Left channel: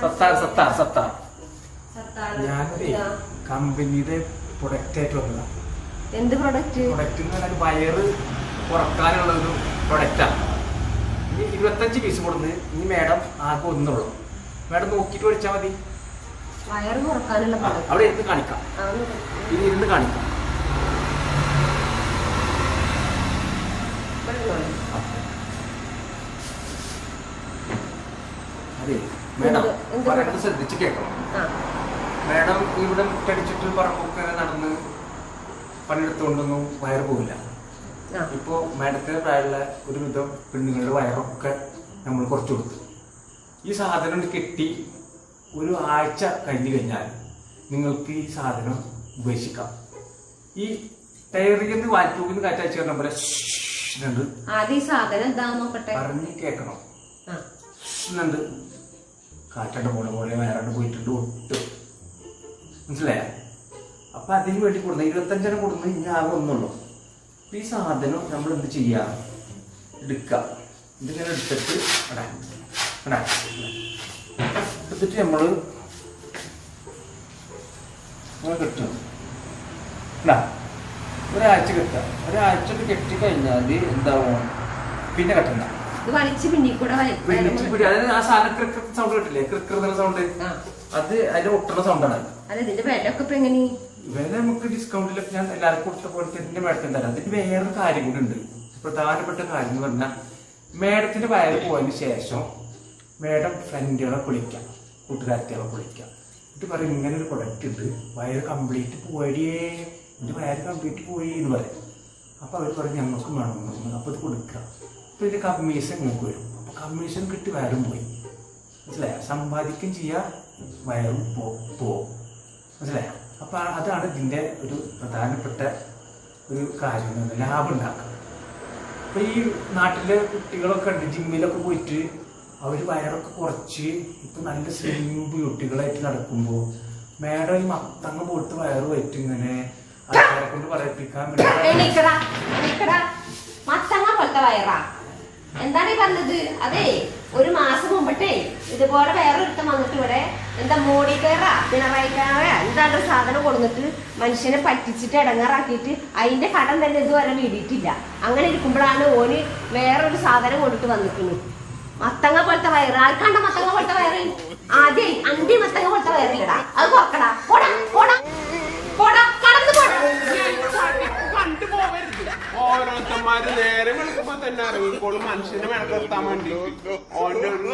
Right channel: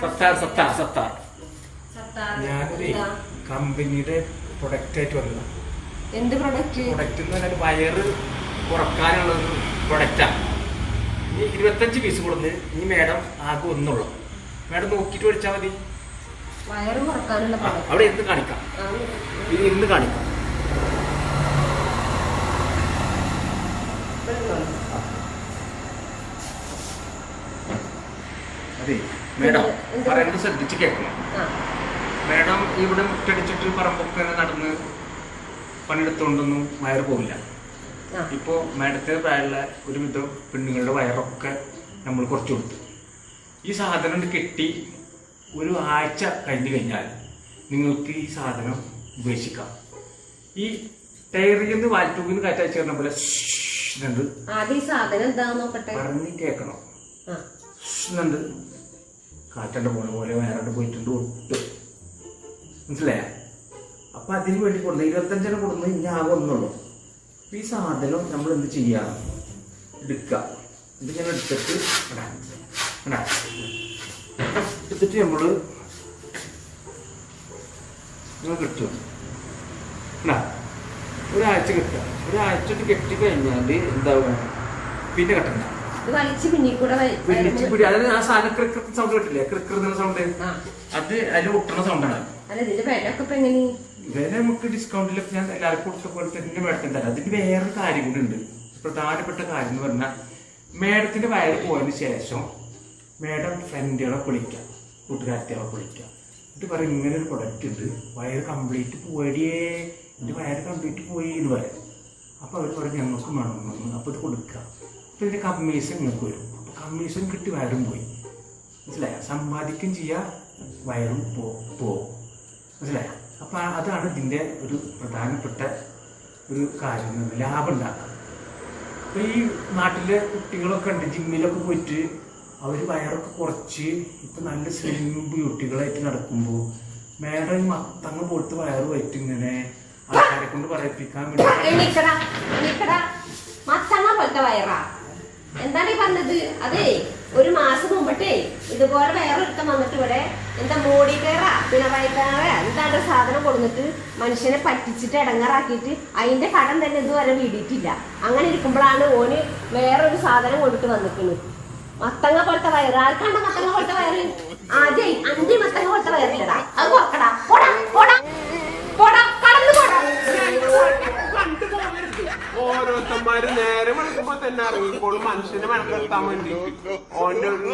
സത്താർ സത്താർ സത്താർ. സത്താർ. ഞാനൊരു ഇതാ. കമ്പനിയുടെ പ്രൊഡക്റ്റ് ആയിട്ട് വന്നതാണ് എന്ത് പ്രൊഡക്റ്റ് പ്രൊഡക്റ്റ് എന്ന് പറഞ്ഞാൽ വയറ് കുറക്കാനുള്ള ഒരു പ്രൊഡക്റ്റാണ് ഇനി ഇരുപത്തഞ്ച് പീസ് കൊടുന്ന് ഇനി മേഡം ആകെ ഒന്നുള്ളൂ. മേഡം നോക്കിയിട്ട് മേടിച്ചാൽ മതി. വയറ് കുറക്കാനുള്ള പ്രൊഡക്റ്റ് അവിടെ ഇരുന്ന് കാണിക്കാം. ഇനി ഇരുന്ന് കാണിക്കാം അതെ മേഡം പറയുന്നത് ശ്രദ്ധിച്ച് കേൾക്കണം. മേഡം ഇവിടെ മുട്ടടിച്ചിട്ട് പറമ്പൊക്കെ നടന്ന് പണിയെടുത്തുകൊണ്ടൊന്നും വയറ് പോവില്ല. ഇപ്പോൾ മേഡത്തിന് പ്രായമുള്ള ഒരുവിധം പെണ്ണുങ്ങളുടെ വയറൊക്കെ നമ്മൾ കുറച്ച് കൊടുത്തു. ഈ സാധനം കെട്ടി ഒരു ആഴ്ച കഴിഞ്ഞു കഴിഞ്ഞാൽ നിങ്ങൾക്ക് ഈ സാധനം ഉപേക്ഷിക്കാം. ഈ ടയറിൽ നിന്ന് വാൽറ്റൂബിൽ നിന്ന് കാറ്റയച്ച് നോക്കട്ടെ? പറഞ്ഞ് കേൾക്കണം. കാറ്റണ്ട് പോണ പോലെ വയറാണ്ട് പോയിട്ടുണ്ട് ഒട്ടും. മനസ്സിലായ? അപ്പൊ അതിന് വേണ്ടി കൊടുത്ത ഇരുപത്തഞ്ചെണ്ണം കൊടുന്ന് ഇനി ആകെ ഒന്നുള്ളൂ. അപ്പൊ ഈ സാധനം നമ്മൾ എന്ത് ചെയ്യാം? എടുക്കാം. ഇതിങ്ങനെ എടുത്തിട്ട്. എടുത്തിട്ട് നമ്മൾ കിട്ടും. ഒരാഴ്ച കിട്ടുക. ഒരാഴ്ച കെട്ടി കഴിഞ്ഞാൽ എന്താവും? പിന്നെ കെട്ടണ്ട. ഇത് വലിച്ച് കൂടെ അതായത് ആ സാധനം ക്രിക്കർ സൗണ്ട് കിട്ടില്ലേ? ക്രിക്കർ എന്നുള്ള സൗണ്ട് ആ. അത് അതിൽ ഒട്ടണ സൗണ്ടാണ് അല്ല ഇതിന്റെ വിലയൊക്കെ ഇപ്പൊ എങ്ങനെ? വില നമുക്ക് ഡിസ്കൗണ്ടിലൊക്കെ ഞാൻ എല്ലാവർക്കും കൊടുത്ത പോലെ തന്നെ മേഡത്തിന് തരാം. അതിന് വേറെ കാര്യം കൂടെ ഉണ്ട്. പ്രധാനപ്പെട്ട കാര്യം എന്ന് പറഞ്ഞാൽ മേഡത്തിന്റെ വയറ് പോയതിന് ശേഷം മേഡം ഫ്രണ്ടുകളെ കുളിക്കാം. കൂട്ടുകാരത്തികളെ കുളിക്കാം. എന്നിട്ട് പറയും ഇങ്ങനെ ഒരു പ്രൊഡക്റ്റ് ഉണ്ട്. വയറ് കംപ്ലീറ്റ് പോയടിയേ. എന്റെ വയറ് കംപ്ലീറ്റ് പോയി എന്ന് പറയും. അപ്പൊ അവർ പറയും ഞങ്ങൾക്കും വേണം. അപ്പൊ ഇത് കൊടുക്കുക അപ്പൊ ഇതിന്റെ കമ്മീഷൻ നിങ്ങൾക്ക് വരും. അപ്പൊ കമ്മീഷൻ കിട്ടി വയറും പോയി. മനസ്സിലായോ? സമ്പാദിക്കും ചെയ്യാം വയറും പോ പോവും. മനസ്സിലായ? അപ്പൊ ആ- അതാണ് ഇതിന്റെ ഒരു പ്രധാനപ്പെട്ട ഒരു കാര്യം ലാഭം ഉണ്ടാക്കുക. അപ്പൊ ഈ നാട്ടിലെ കുട്ടികളൊക്കെ ഉണ്ട് ജിമ്മിലൊക്കെ പോയിട്ട് അവർ വയറൊക്കെ കുറച്ച് ഇപ്പൊ നല്ല സ്ലിം ബ്യൂട്ടികളായിട്ട് നടക്കുമ്പോൾ മേഡം ഈ മത്തങ്ങ പോയിട്ട് വയറ് പോയിട്ട് ഇങ്ങനെ ആൾക്കാരെ കൊണ്ട് പറയിപ്പിക്കാൻ വേണ്ടി മത്തങ്ങ പോലത്തെ വയറാ. എന്താണ് ഈ പറഞ്ഞത്? അതെ ഒരു മാസം മുമ്പട്ടേ ഇതുപോലെ വേറൊരുത്തം വന്നിട്ട് ഇവിടെ എന്താ മോഡി കയറാ പിണറായി കയറാ എന്താണ്ട് സാധനം കൊടുത്തിട്ട് മനുഷ്യനെ പറ്റിച്ചിട്ട് ഇടങ്ങാറാക്കിയിട്ട് അതിന്റെ കടം തന്നെ ഇതുവരെ വീടിയിട്ടില്ല. അങ്ങനെ ഇരിക്കുമ്പോഴാണ് ഓന് വേറൊരു സാധനം കൊണ്ടിട്ട് വന്നിക്കുന്നത് മത്തങ്ങ പോലത്തെ വയറ്. ആർക്കാണ്ട് മത്തങ്ങ പോലത്തെ വയറ്? ആദ്യം അന്തി മത്തങ്ങ പോലത്തെ വയറില്ലടാ. അത് കുറക്കടാ ഓരോരുത്തന്മാര് നേരെ വിളിക്കുമ്പോ തന്നെ ഇറങ്ങിക്കോളും മനുഷ്യനെ മെനക്കെടുത്താൻ വേണ്ടി. ഓന്റെ ഒരു